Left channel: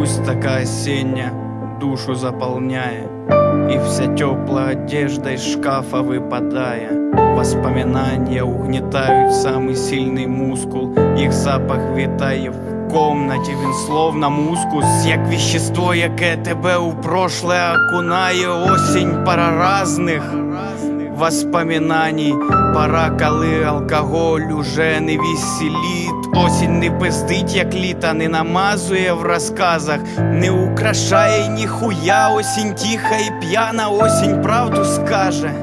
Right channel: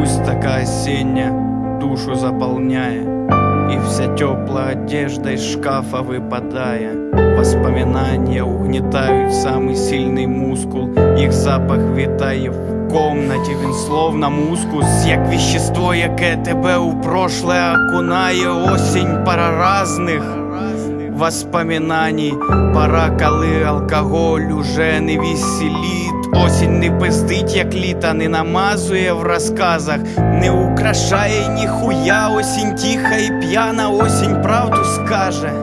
Грусть такая осенняя душу заполняя И вся теплая одежда из шкафа выпадая Воспоминания угнетают самый сильный мускул Їх запах вітає в комнаті, він словно мускус Як вещество, яке тебе у прошле окунає Осінь пара разних воспоминаний. Пора, коли алкоголь уже не веселит. Осінь не пиздить, як літа, не намазує в розказах, не украшає ніхуя, осінь тиха і п'яна, осінь правду скаже.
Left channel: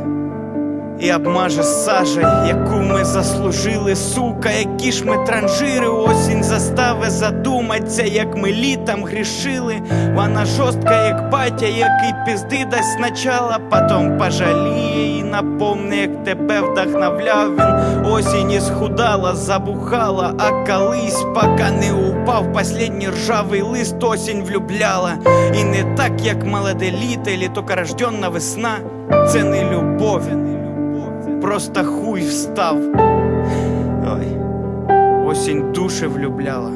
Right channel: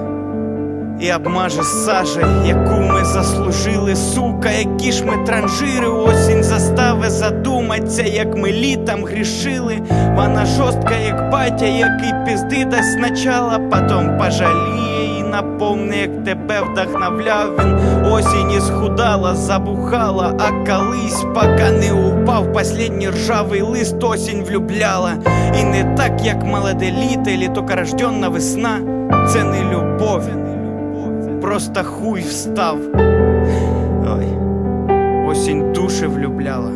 І обмаже сажей, яку ми заслужили, сука, які ж ми транжири, осінь застави задуматься, як ми літом грішили. Вона жорстка, як батя, який пізди дасть спочатку, потом пожаліє і напомне, як тебе вдохновляв він. Осінь і схудала, забухала, а колись, поки не упав последній ржавий лист, осінь влюбляла. І не так, як молоде літо, тільки весна. Це не любов, просто хуй встав. Ой, осінь душі влюбляла.